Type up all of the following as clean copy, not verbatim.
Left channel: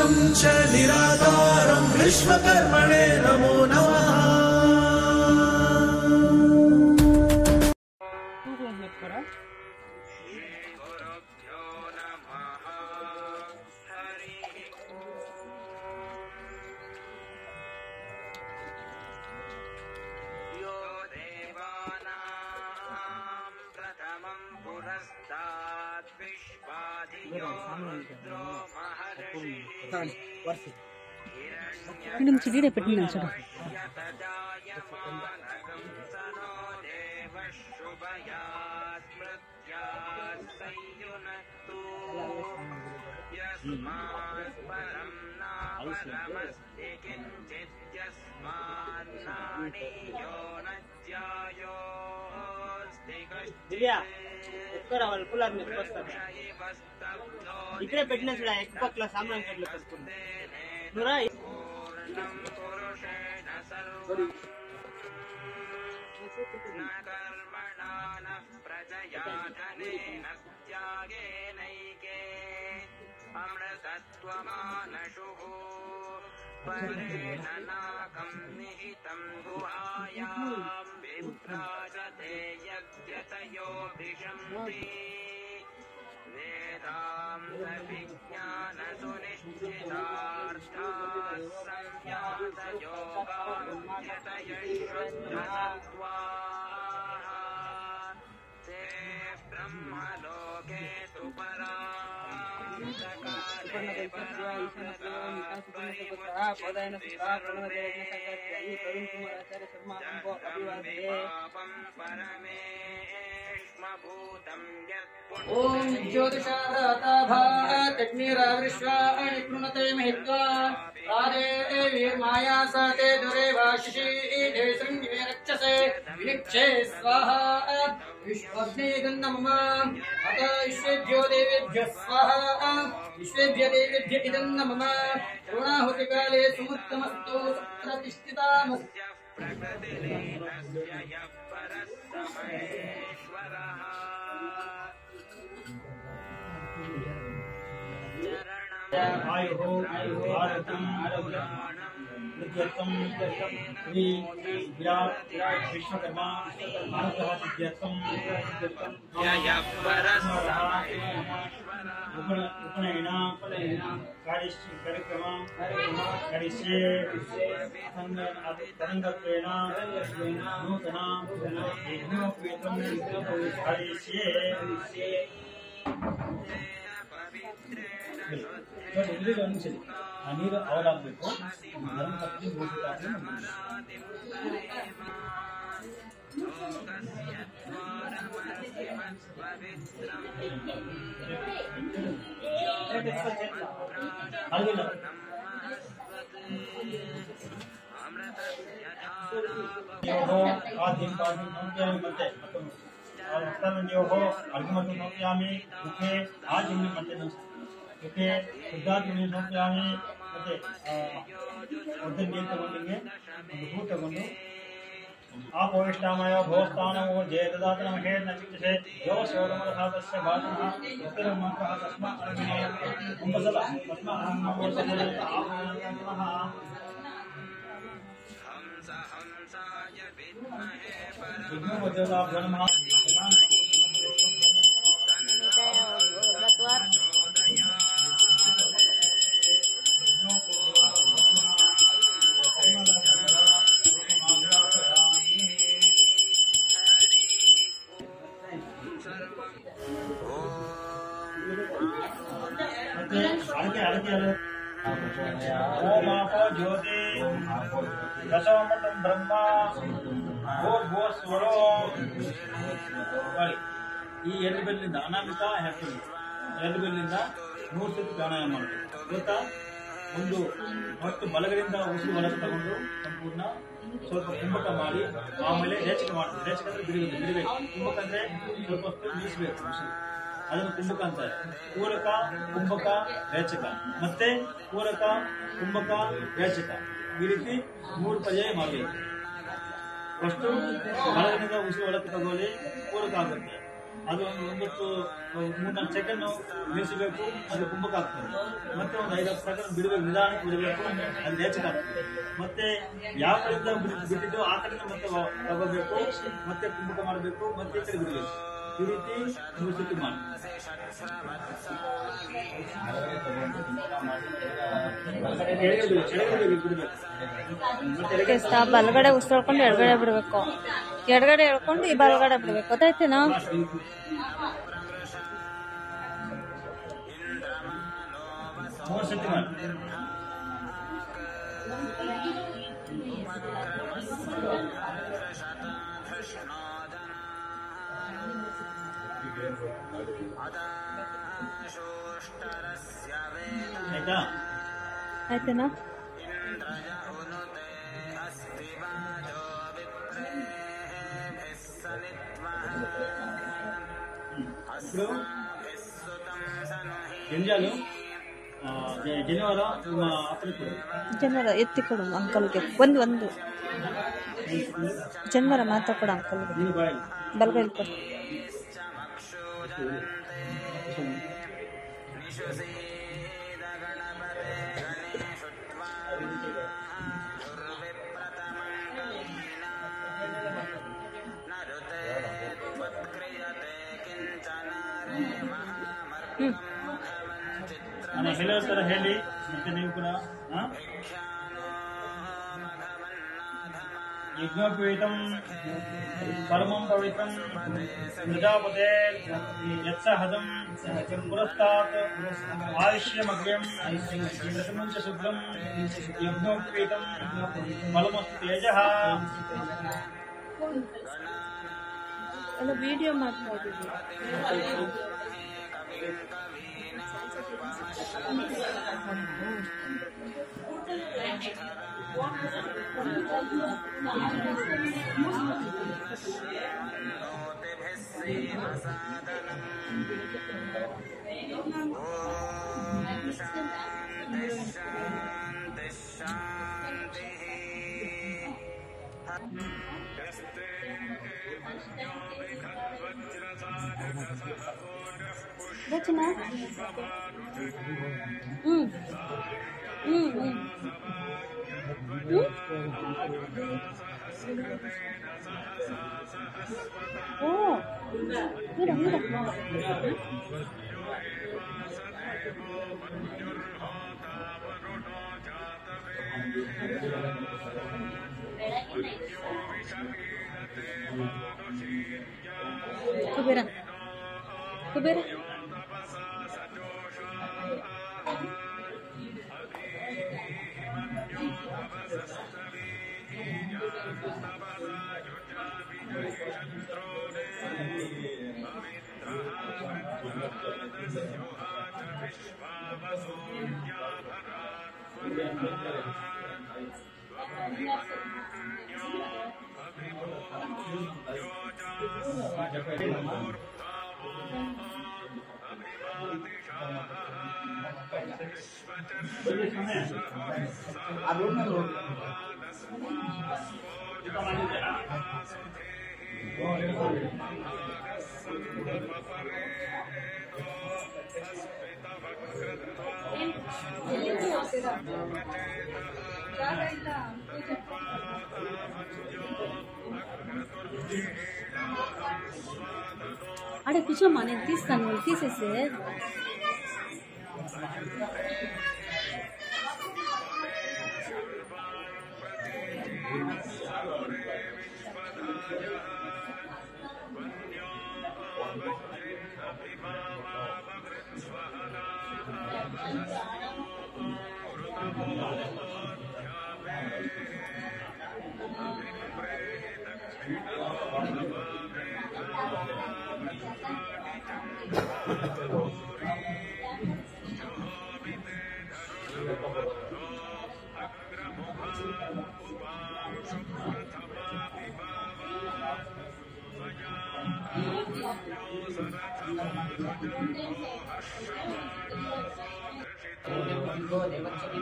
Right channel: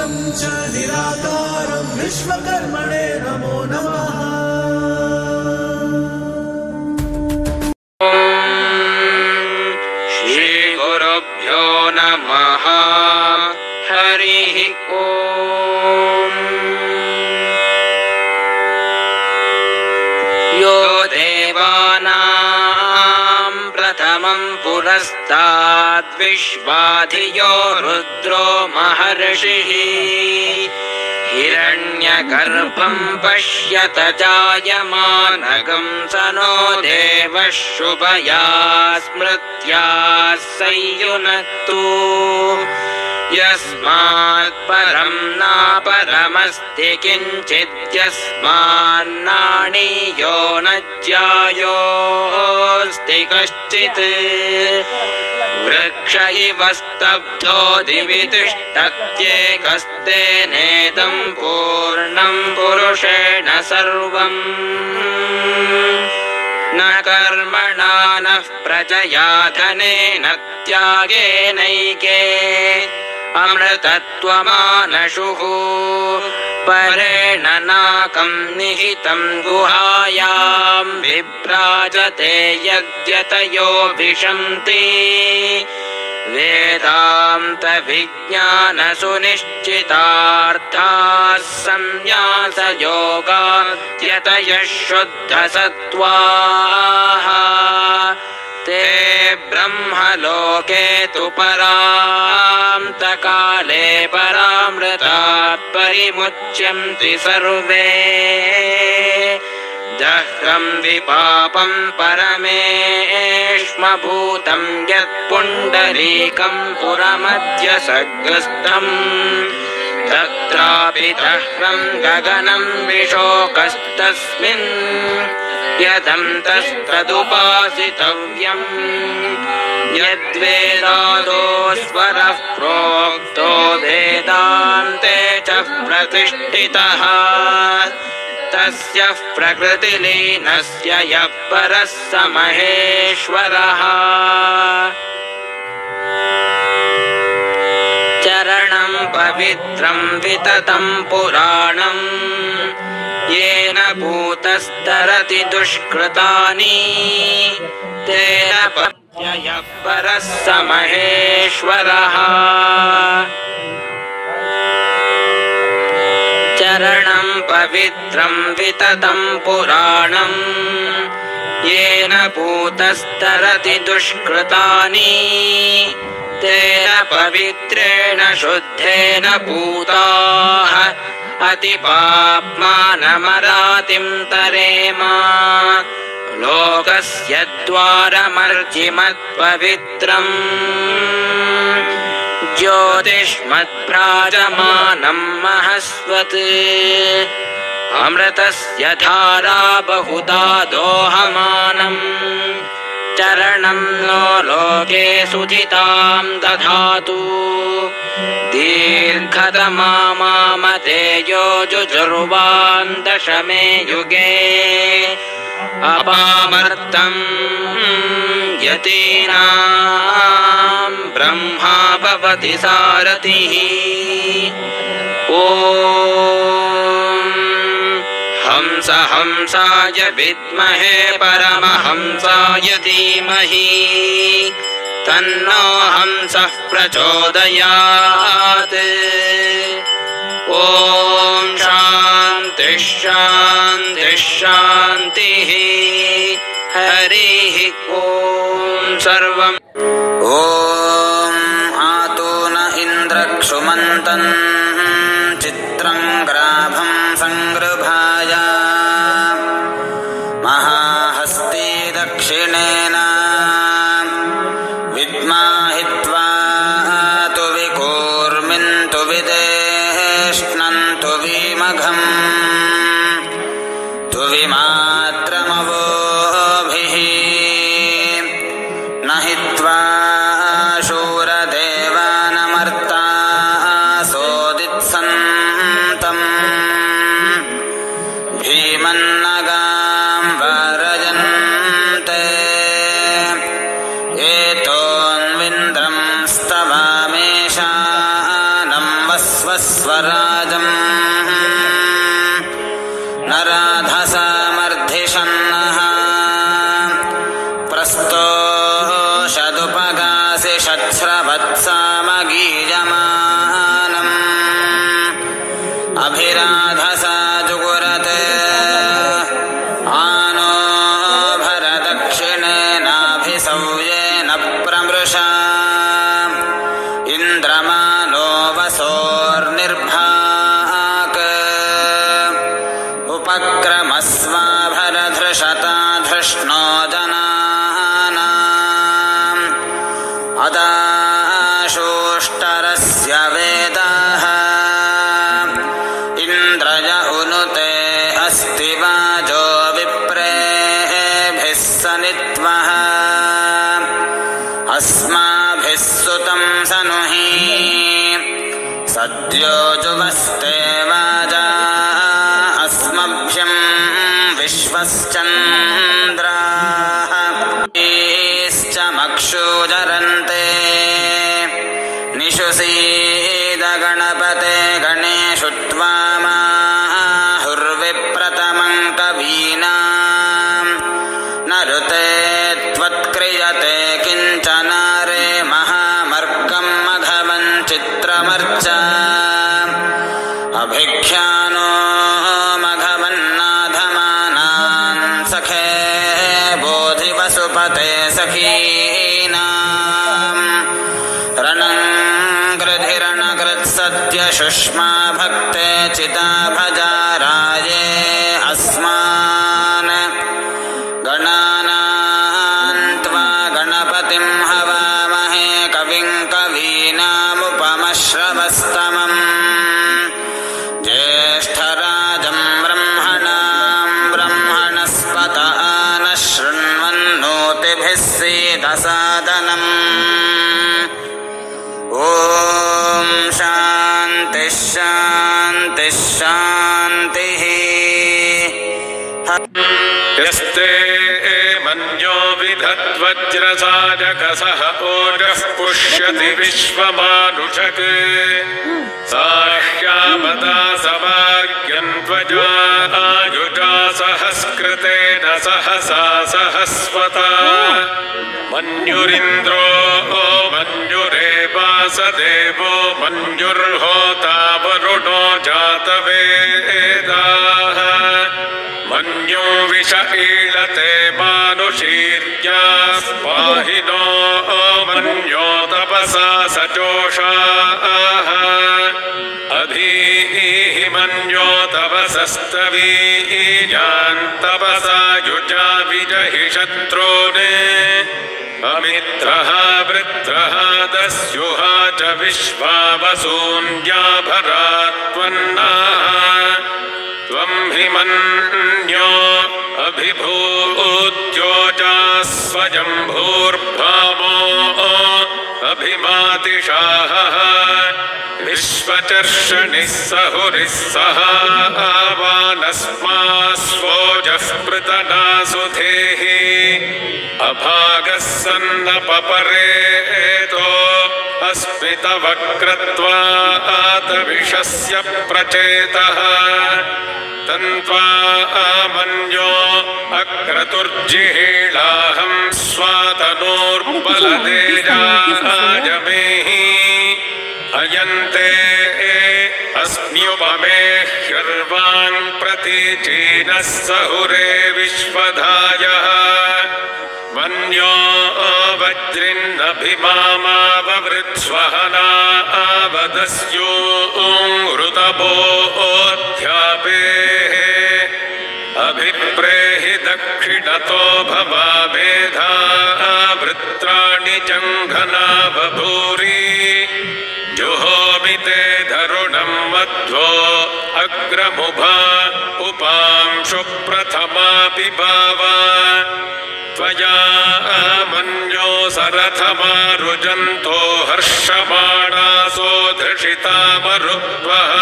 निराकारं च निराकारं विश्वकर्मणे नमो नमः। श्रीगुरुभ्यो नमः। हरिः ओम्। यो देवानां प्रथमं पुरस्ताद् विश्वाधियो रुद्रो महर्षिः हिरण्यगर्भं पश्यत जायमानगं सनो देवः शुभया स्मृत्या संयुनक्तु यस्मात् परं नापरमस्ति किञ्चित् यस्मान्नाणीयो न ज्यायोऽस्ति कश्चित् वृक्ष इव स्तब्धो दिवि तिष्ठत्येकस्तेनेदं पूर्णं पुरुषेण सर्वम् न कर्मणा नः प्रजया धनेन त्यागेनैके अमृतत्वमानशुः परेण नाकं निहितं गुहायां विभ्राजते यद्यतयो विशन्ति वेदान्तविज्ञानसुनिश्चितार्थाः संन्यासयोगाद्यतयः शुद्धसत्त्वाः ते ब्रह्मलोके तु परान्तकाले परामृतात् परिमुच्यन्ति सर्वे दह्रं विपापं परमेष्मभूतं यत्पुण्डरीकं पुरमद्य सग्रस्तम् तत्रापि दह्रं गगनं विशोकस्तस्मिन् यदन्तस्तदुपासितव्यम् यद्वेदादो स्वरः प्रोक्तो वेदान्ते च प्रतिष्ठितः तस्य प्रकृतिलीनस्य यः परः स महेश्वरः चरणं पवित्रं विततं पुराणं येन भूतस्तरति दुष्कृतानि तेन यः परः स महेश्वरः चरणं पवित्रं विततं पुराणं येन भूतस्तरति दुष्कृतानि तेन पवित्रेण शुद्धेन भूताः अतिपाप्मानमरातिं तरेम लोकस्य द्वारमर्जिमत्पवित्रम् ज्योतिष्मद्भ्राजमानं महस्वत् अमृतस्य धारा बहुधा दोहमानम् चरणं नो लोके सुजितां दधातु दीर्घतमामामतेयो जुजुर्वान् दशमे युगे अपामर्तं यतीनां ब्रह्मा भवति सारथिः ॐ हंस हंसाय विद्महे परमहंसाय धीमहि तन्नो हंसः प्रचोदयात् ॐ शान्तिः शान्तिः शान्तिः हरिः ॐ सर्वम् ॐ आतो न इन्द्रक्षुमन्तन् चित्रं ग्राभं संगृभाय महाहस्ती दक्षिणेन विद्माहित्वा तु विकूर्मिन्तु विदेष्णन्तु विमघम् तु विमात्रमवोभिः न हि वृष्णो जनानाम् अदाशोष्टरस्य वेदाः इन्द्रय उनुते अस्ति वाजो विप्रेभिः सनित्वः अस्माभिः सुतं सनुहि सद्यो जुवस्ते वाजा अस्मभ्यं विश्वश्चन्द्राः ईश्च मक्षुजरन्ते निषुसीद गणपते गणेषु त्वामाहुर्विप्रतमं कवीनाम् नरुते त्वत्क्रियते किञ्चनारे महामर्कं मघवं चित्रमर्च अभिख्यानो मघवन्नाधमानां सखे बोधि वसुपते सखीनाम् रणं गृधिरणकृत्सद्यशुष्मा भक्ते चिता भजा राये अस्मान् गणानां त्वा गणपतिं हवामहे कविं कवीनामुपमश्रवस्तमम् ज्येष्ठराजं ब्रह्मणां ब्रह्मणस्पत नः शृण्वन्नोतिभिः सीदसादनम् ॐ शान्तिः शान्तिः शान्तिः यस्ते मन्यो विधद्वज्रसाजकसः ओजः पुष्यति विश्वमानुषक् साह्यामदा सवार्यन्त्वजा आयुजा सहस्कृतेन सहसा सहस्वता मन्युरिन्द्रो मन्युरेवासदेवो मन्युर्होता वरुणो जातवेदाः मन्यो विष ईळते मानुषीर्याः पाहिनो मन्यो तपसा सजोषाः अधीः मन्यो तपसस्तवीयान् तपसा युजा विजहि शत्रून् अमित्रः वृत्रः दस्युहा च विश्वावसून्याभरात्वन्नाः त्वं हि मन्यो अभिभूत्योजा स्वयंभूर्भामो अभिमातिशाः विश्वचर्षणिः सहुरिः सहावानस्मास्वोजः पृतना सुधेः अभागः सन्नपपरेतो अस्मितवक्रत्वात् विषस्य प्रचेतः तन्त्वा मन्यो अक्रतुर्जिहीळाहं स्वातनोर्बलतेजायमेहि अयन्ते अस्म्युपमे ह्यर्वाङ् प्रतीचीनः सहुरे विश्वधायः मन्यो वज्रिन्नभिमामाववृत्स्वहना आवदस्योऽङ्घृतपोऽध्यापेः अभिप्रेहि दक्षिणतो भवाभेधा वृत्राणि जङ्घना बभूरि जुहोमिते धरुणं मध्वो अग्रमुभा उपांशु प्रथमा पिबावा त्वया मन्यो सरथमारुजन्तो हर्षमाणासो धृषिता मरुत्वः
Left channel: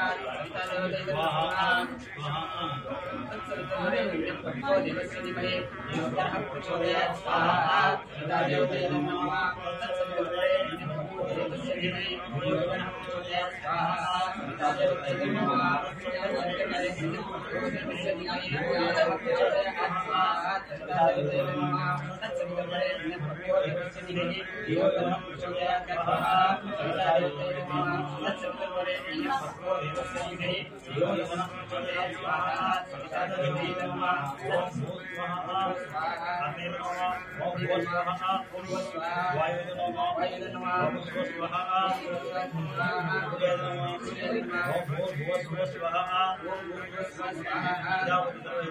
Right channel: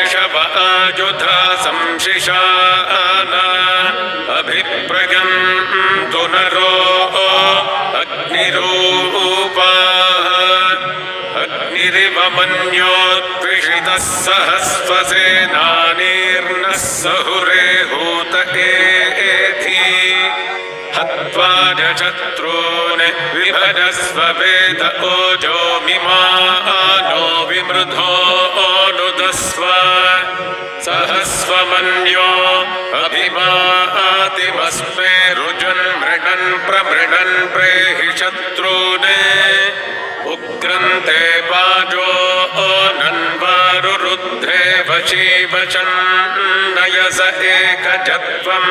दिग्मेषवायुधा संशिशाना अभिप्रयन्तु नरो अग्निरूपाः अग्निरिव मन्योद्विषितः सहस्वसेनानीर्नः सहुरे हूत एथि हत्वा च शत्रून् विभजस्व वेद ओजो मिमानो विमृधो नुदस्व सहस्वमन्यो अभिमातिमस्मे रुजन् मृडन् प्रमृडन् प्रेहि शत्रून् उग्रन्ते वाजो नन्वारुरुद्धे वशीवशन् नयस एकजत्वम्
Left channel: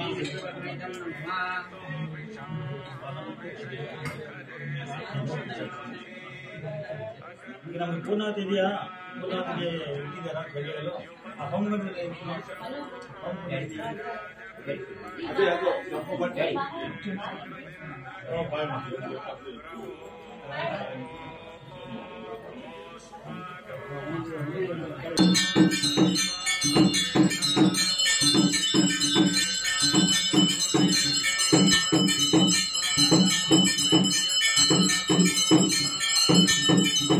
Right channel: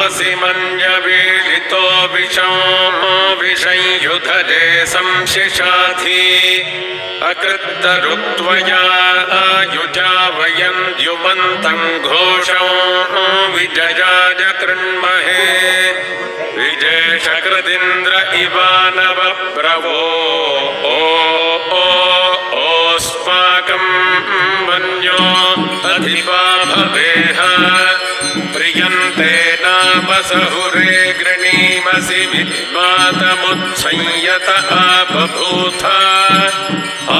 तामसि मन्यवीलितो विषंयुधरे संशिशाधि अकृत्तरुत्वया आयुजा वयं द्युमन्तं घोषं विजयाय कृण्महे विजेशकृदिन्द्र इवानवप्रभो ओस्माकं वन्यो अधिपा भवेह प्रियन्ते नाम सहुरे गृणीमसि विद्वातमुत्संयत बभूथ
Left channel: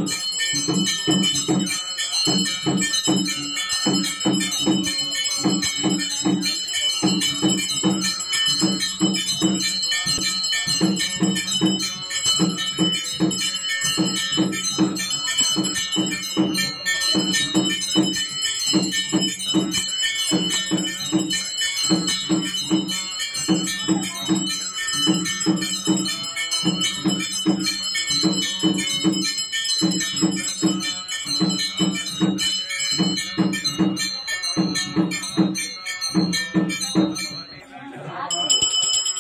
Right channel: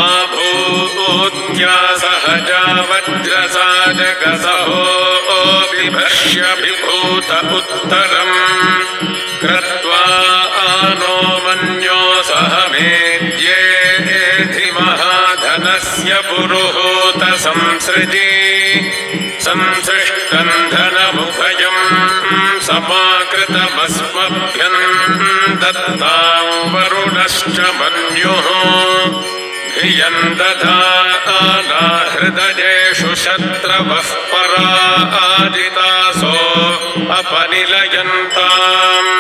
आभूत्या सहजा वज्रसाजगसहो बिभर्ष्य विभूत उत्तरम् कृत्वा नो मन्यो सह मेद्येधि महाधनस्य पुरुहूत संसृजी संसृष्टं धनमुभयम् समाकृतमस्मभ्यम् दत्तां वरुणश्च मन्युः धियं दधाना हृदयेषु शत्रवः पराजितासो अपनिलयन्ताम्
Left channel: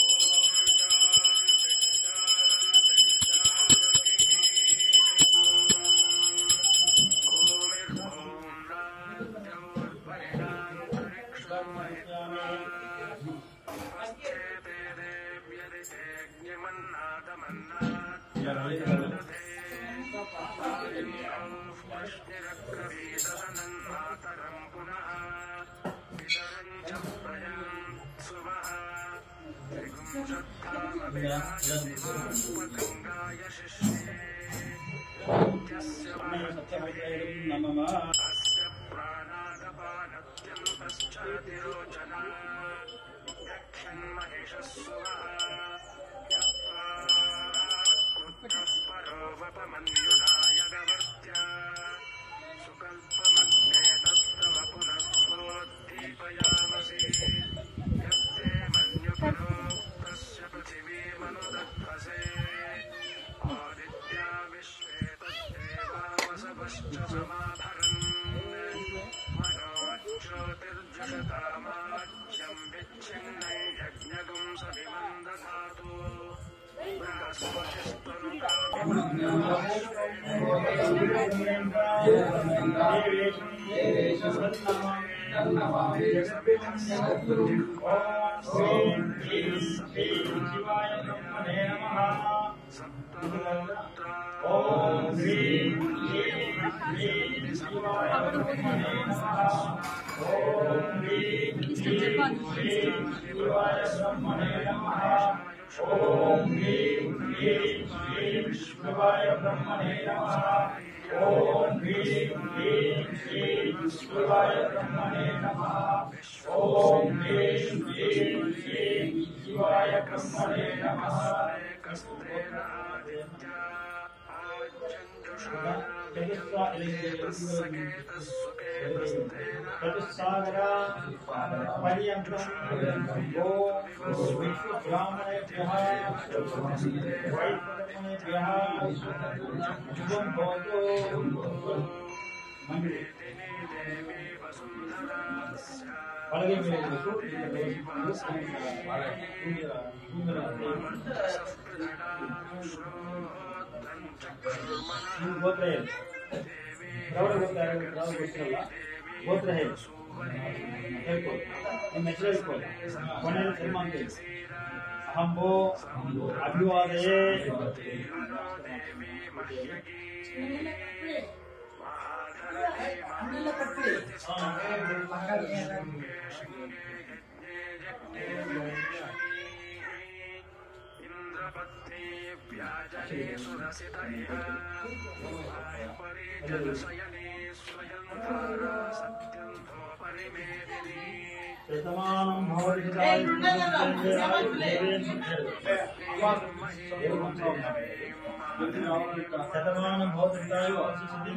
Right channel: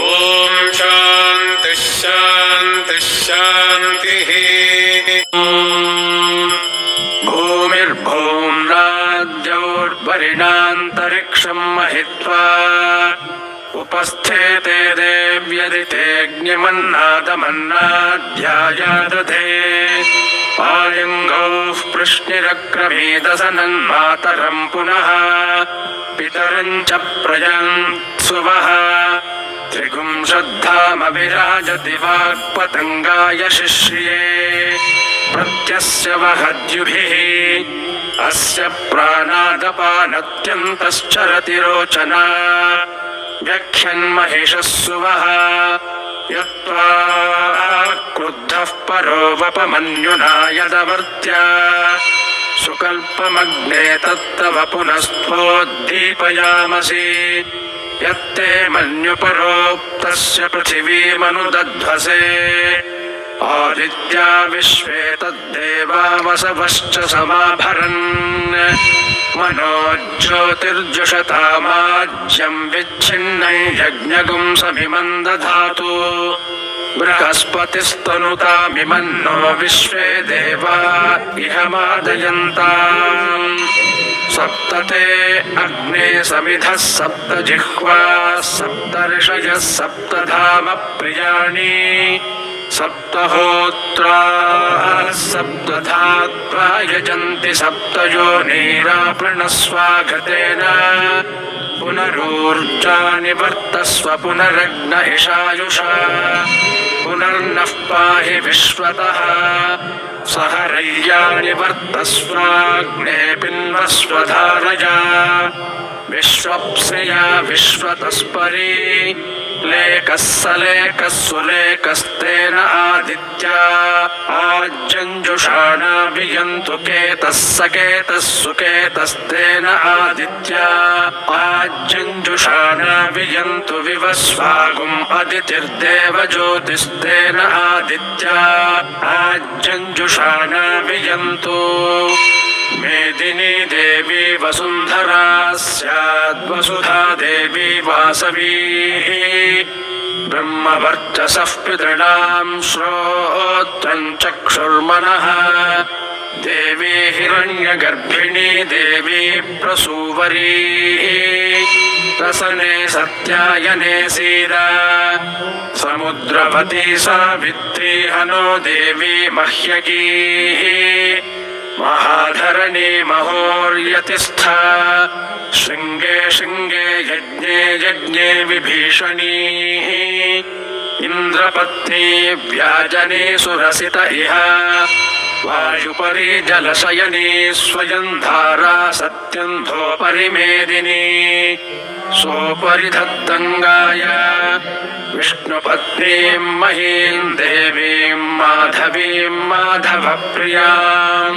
ॐ शान्तिः शान्तिः शान्तिः भूमिर्भूम्राद्यौर्वरिणान्तरिक्षं महित्वा उपस्थेते देव्यदितेऽग्निमन्नादमन्नाध्यायादधे आलिङ्गौः पृश्निरक्रमीदसनन्मातरं पुनः पितरं च प्रयन्सुवः त्रिगुंशद्धामविराजति वाक्पतङ्गाय शिश्रिये प्रत्यस्य वहद्युभिः अस्य प्राणादपानत्यन्तश्चरति रोचना व्यख्यन्महिषः सुवः यत्त्वा क्रुद्धः परो वपमन्युना यदवर्त्या सुकल्पमग्ने तत्तव पुनस्त्वोद्दीपयामसि यत्ते मन्युपरोक्तस्य पृथिवीमनुदध्वसे आदित्या विश्वे तद्देवा वसवश्च समाभरन् मनोज्योतिर्जुषतामाज्यं विच्छिन्नै यज्ञगुं समिमं दधातु बृहस्पतिस्तनुतामिमन्नो विश्वे देवा इह मादयन्ताम् सप्तते अग्ने समिधः सप्त जिह्वा सप्त ऋषयः सप्तधाम प्रियाणि सप्तहोत्राः सप्तधात्वा यजन्ति सप्तयोनिरापृणस्वागतेन पुनरूर्जानि वर्तस्व पुनरग्न इषायुषा पुनर्नः पाहि विश्वतः सहरय्यानि वर्तस्वाग्ने पिन्वस्वधारया विश्वप्सिया विश्वतस्परी लेकः सलेकः सुलेकस्तेन आदित्या आज्जञ्जुषाणा वियन्तु केतः सकेतः सुकेतस्तेन आदित्या आज्जञ्जुषाणा वियन्तु विवस्वागुम् अदितिर्देव ज्योतिस्तेन आदित्या आज्जञ्जुषाणा वियन्तु मेदिनी देवी वसुन्धरा स्याद्वसुधा देवी वासवी ब्रह्मवर्चसः पितॄणां श्रोत्रं चक्षुर्मनः देवी हिरण्यगर्भिणी देवी प्रसूवरी रसने सत्यायने सीरा समुद्रवती सावित्री हनो देवी मह्यकी महाधरणी महोर्यतिस्था शृङ्गे शृङ्गे यज्ञे यज्ञे विभीषणी इन्द्रपत्नी व्याजनी सुरसित इह वायुपरि जलशयनी स्वयं धारा सत्यन्धोपरि मेदिनी सोपरि धत्तङ्गाय विष्णुपत्नीं महीं देवीं माधवीं माधवप्रियां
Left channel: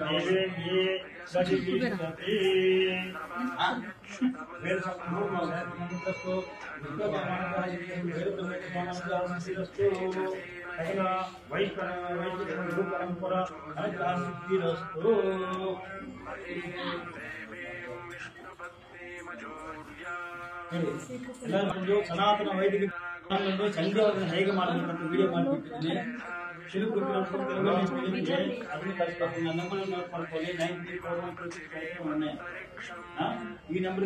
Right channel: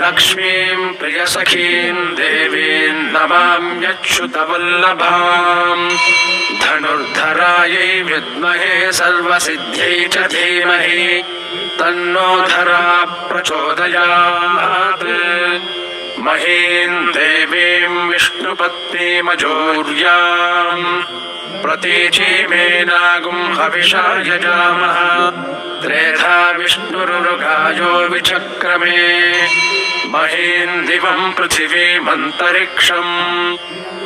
लक्ष्मीं प्रियसखीं देवीं नमाम्यच्युतवल्लभां धनुर्धरायै विद्महे सर्वसिद्ध्यै च धीमहि तन्नो धरा प्रचोदयात् महीं देवीं विष्णु पत्नीमजोर्याम् प्रतीचीमेनागुं हविषा यजामः त्रेधा विष्णुरुगायो विचक्रमे महीन् दिवं पृथिवीमन्तरिक्षम्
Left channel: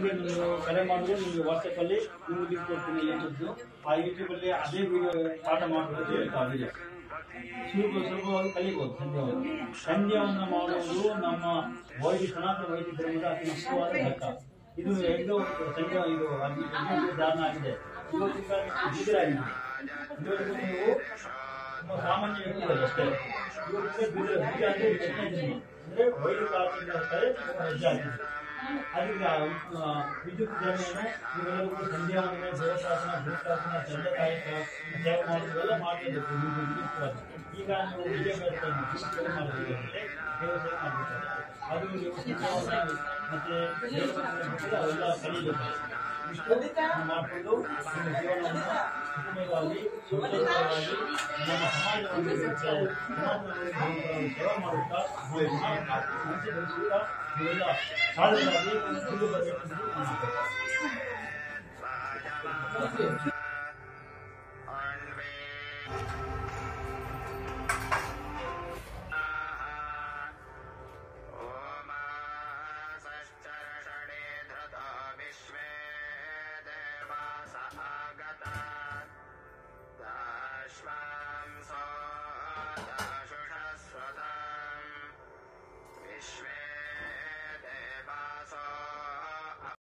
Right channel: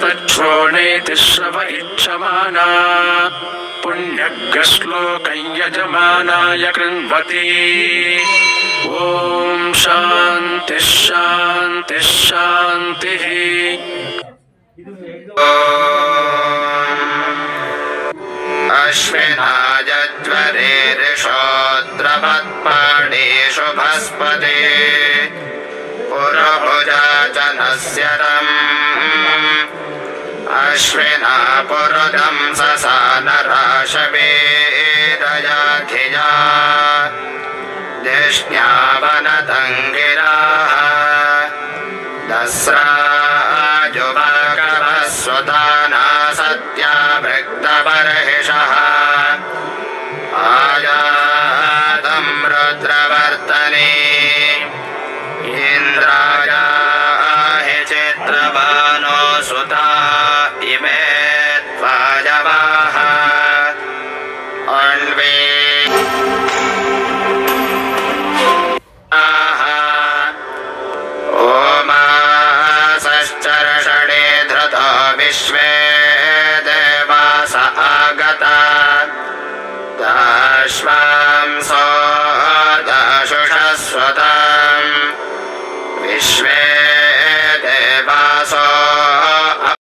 तच्छ्रोणेति श्रव इच्छमाना पुण्यग्रश्लोकं यजमानाय कृण्वति ॐ शान्तिः शान्तिः शान्तिः अश्विनायज्वरेरिषोत्रपत्पाणेषु भस्पते पुरभुजा च नस्यरम् अश्विना पुरुदं ससानराशवेरयाधिया दिष्ण्यावनतङ्गिराः दस्राजुभागवः स्वधाना सत्या भृक्तबर्हिषः आयातं रुद्रवर्तने इन्द्रायाहि चित्रभानो सुता इमे त्वाजवाः अन्वे ओमासश्चर्षणे धृतो विश्वे